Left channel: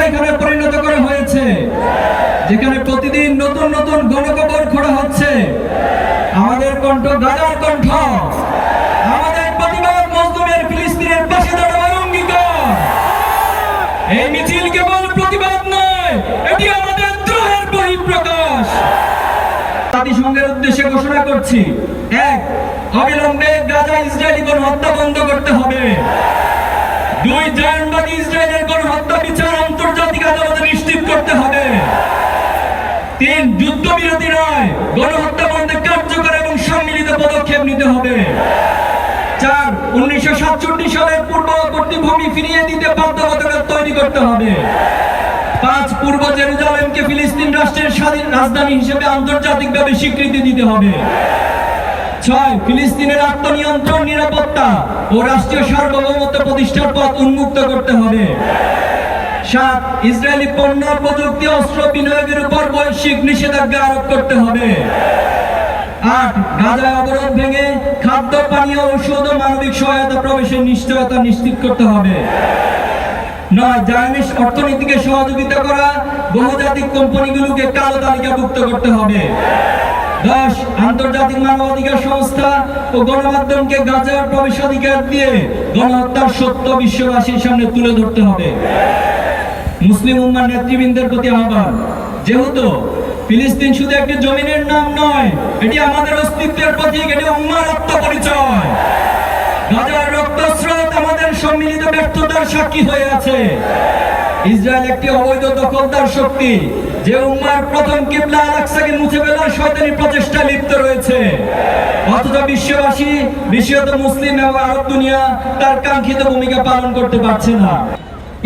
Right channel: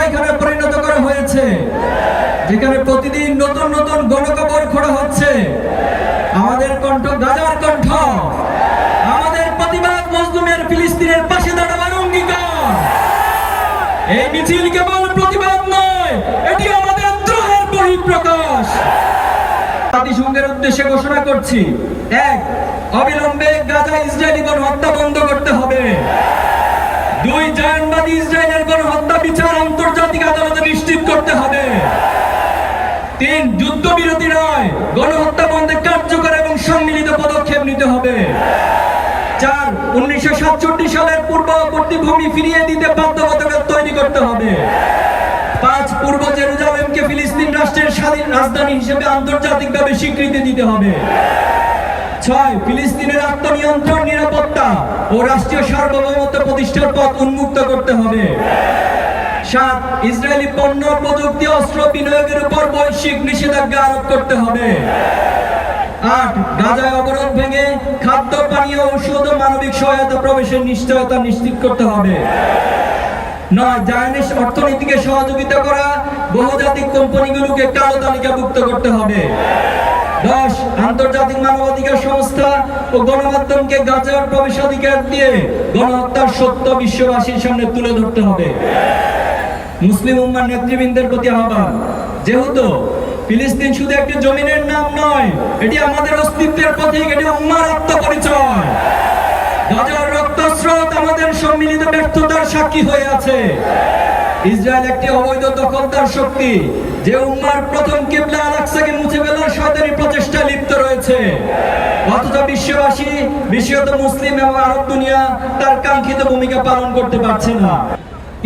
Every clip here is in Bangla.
কসাইখানায় পরিণত করা হয়েছে। যেখানে প্রতিদিন নতুন নতুন গণকবর খোঁড়া হচ্ছে। আমাদের কণ্ঠ গাজার কণ্ঠ। আমাদের প্রতিবাদ মজলুমের ফিলিস্তিনের পাশে দাঁড়াবার অঙ্গীকার। এই মিছিল কেবল প্রতিবাদ নয়, এটি আমাদের দ্রোহের বহিঃপ্রকাশ। জাতিসংঘের উদ্দেশ্যে ঘোষণা করছি, এক, অবিলম্বে গাজা ইসরায়েলি গণহত্যা বন্ধ করতে হবে। দুই জায়নবাদী ইসরায়েলের গণহত্যা বিচার আদালতে নিশ্চিত করতে হবে। তিন, যুদ্ধবিরতি নয়, গণহত্যা বন্ধে কার্যকর এবং সম্মিলিত পদক্ষেপ নিতে হবে। চার, উনিশশো সাতষট্টি সালের পূর্ববর্তী ভূমি ফিরিয়ে দিতে বাধ্যবাধকতা তৈরি করতে হবে। পাঁচ, পূর্ব জেরুজালেমকে ফিলিস্তিন রাষ্ট্রের স্বাধীন রাজধানী হিসেবে আন্তর্জাতিকভাবে স্বীকৃতি দিতে হবে। ছয়, ফিলিস্তিনের আত্মনিয়ন্ত্রণ, নিরাপত্তা ও রাষ্ট্রীয় সার্বভৌমত্ব প্রতিষ্ঠার পথ উন্মুক্ত করতে হবে। সাত, ইসরায়েলি পণ্য, প্রযুক্তি, অস্ত্র বিনিয়োগের উপর বৈশ্বিক নিষেধাজ্ঞা আরোপ করতে হবে। আট, গাজায় অবরোধ ভেঙে খাদ্য, পানীয়, ঔষধ ও মানবিক সহায়তা, প্রবেশের নিশ্চয়তা নিশ্চিত করতে হবে। নয় জায়নিস অর্থনীতিকে সহযোগিতা করা, বহুজাতিক কোম্পানিগুলোকে কালো তালিকাভুক্ত করতে হবে। দশ, আন্তর্জাতিক মানবাধিকার সংস্থা ও গণমাধ্যমকে গাজার প্রবেশাধিকার দিয়ে গণহত্যার সত্য বিশ্ববাসীর সামনে তুলে ধরতে হবে। মুসলিম উম্মার নেতৃবৃন্দের প্রতি আহ্বান। যেহেতু ফিলিস্তিন শুধু একটি জমিনের নাম নয়, এটি আমাদের অস্তিত্বের প্রতীক, এটি উম্মার আত্মপরিচয়। গাজার রক্তস্রোত আমাদের সম্মিলিত ব্যর্থতার সাক্ষী হয়ে আছে। ইসরায়েল একটি অবৈধ দখলদার শক্তি, যে উম্মার প্রথম মুছে ফেলার প্রচেষ্টা লিপ্ত রয়েছে। অথচ বিশ্ববাসী বিশেষত মুসলিম এবং আরব দুনিয়া তার কাঙ্ক্ষিত ভূমিকা পালন করতে পারছে না।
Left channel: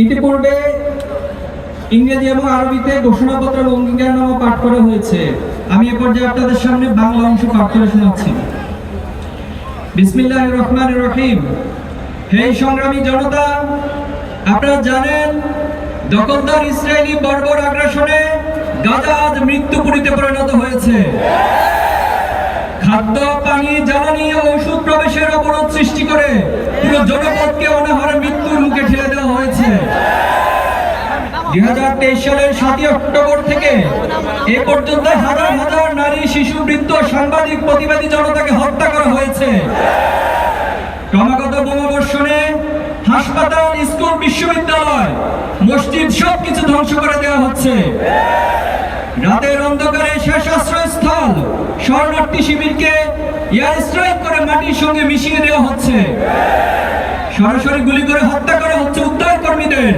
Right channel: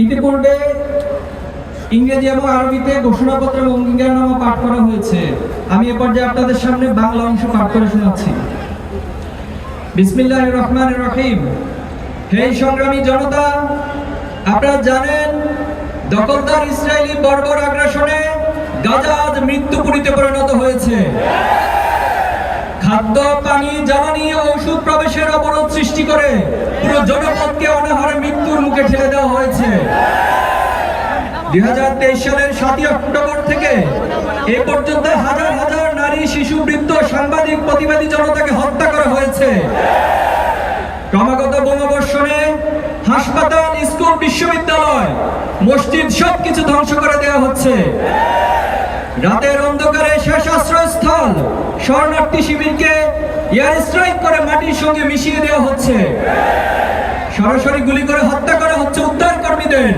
ইতিপূর্বে ইংরেজি এবং আরবিতে ঘোষণাপত্র এবং অঙ্গীকারনামা পাঠ করা হয়েছে। আমি এ পর্যায়ে আপনাদের সামনে বাংলা অংশ পাঠ করে শোনাচ্ছি। বিসমিল্লাহ রহমান রহিম। হে সংগ্রামী জনতা, আপনারা জানেন, দখলদার ইসরায়েলি বর্বর আগ্রাসনে গাজা আজ মৃত্যুপুরীতে পরিণত হয়েছে। খাদ্য, পানি, জ্বালানি ও ওষুধ প্রবেশের অবরোধ সৃষ্টি করে পুরো জনপদকে অনাহারে মৃত্যুর মুখে ঠেলে দেওয়া হয়েছে। দুই হাজার তেইশ সালের সাতই অক্টোবর থেকে এ পর্যন্ত হাজার হাজার নারী, শিশু, বৃদ্ধ, সাংবাদিক, প্রতিবাদী জনতাকে হত্যা করা হয়েছে। ক্রমাগত বোমাবর্ষণে হাসপাতাল, স্কুল, বিশ্ববিদ্যালয়, মসজিদ সবকিছু ধ্বংস করে দেওয়া হচ্ছে। রাতের অন্ধকারে শেষ আশ্রয়স্থল, শরণার্থী শিবিরকে এয়ার স্ট্রাইক করে মাটির সঙ্গে মিশিয়ে দেওয়া হচ্ছে। সরাসরি গুলি করে হত্যা করা হচ্ছে উদ্ধার কর্মীদের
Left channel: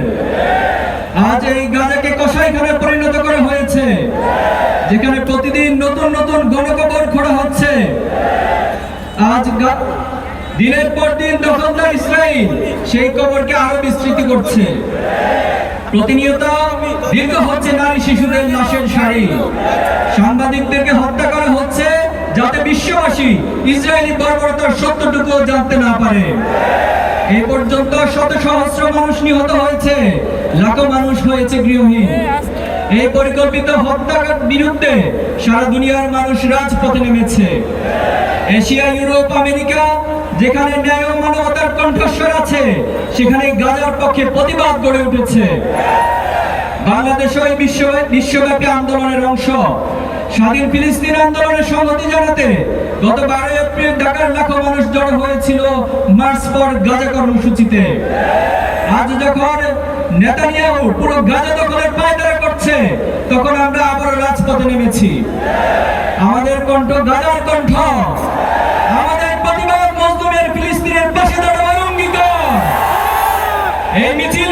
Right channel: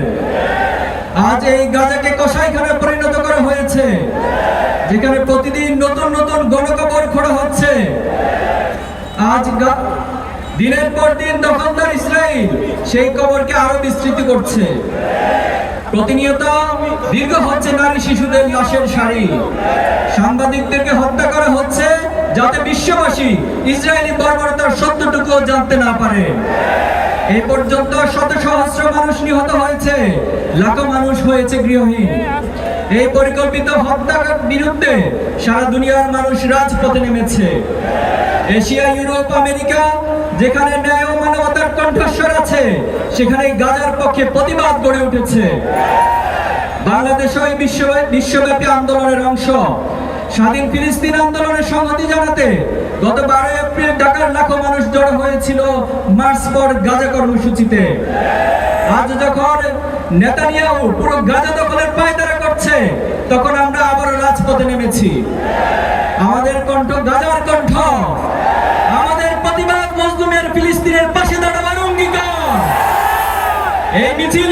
আজ এই গাজাকে কসাইখানায় পরিণত করা হয়েছে। যেখানে প্রতিদিন নতুন নতুন গণকবর খোঁড়া হচ্ছে। আজ দিনের পর দিন দখলদার ইসরায়েল সেই কবরকে আরও বিস্তৃত করছে। প্রতিনিয়ত দীর্ঘ হচ্ছে নারী শিশুদের লাশের সারি। সাংবাদিকদেরকে হত্যা করা হচ্ছে যাতে বিশ্ববাসী ইসরায়েলি বর্বরতার সত্যটুকু জানতে না পারে। এই পর্যন্ত শত সহস্র মানুষ নিহত হয়েছে। লাখো মানুষ হয়েছে গৃহহীন। এই পরিকল্পিত হত্যার বিরুদ্ধে সারা দুনিয়ার মানুষ রাজপথে নেমেছে। এশিয়া, ইউরোপ, আমেরিকা, যেখানে ন্যায় ও মানবতার কণ্ঠস্বর আছে, সেখানে গাজার পক্ষে প্রতিবাদ গড়ে উঠেছে। বাংলাদেশ ওই বিশ্ব বিশ্বব্যাপী আন্দোলনের অংশ। স্বাধীন ফিলিস্তিন আন্দোলনের সংহতি জানাতে গত বারোই এপ্রিল ঢাকার লাখো মানুষ জড়ো হয়েছিল মার্চ ফর গাজা কর্মসূচিতে। আজ যখন নেতানিয়াহু পুরো গাজা দখলের পায়দারা করছে, তখন আমরা আবার রাজপথে নেমেছি। আমাদের কণ্ঠ গাজার কণ্ঠ। আমাদের প্রতিবাদ মজলুমের ফিলিস্তিনের পাশে দাঁড়াবার অঙ্গীকার। এই মিছিল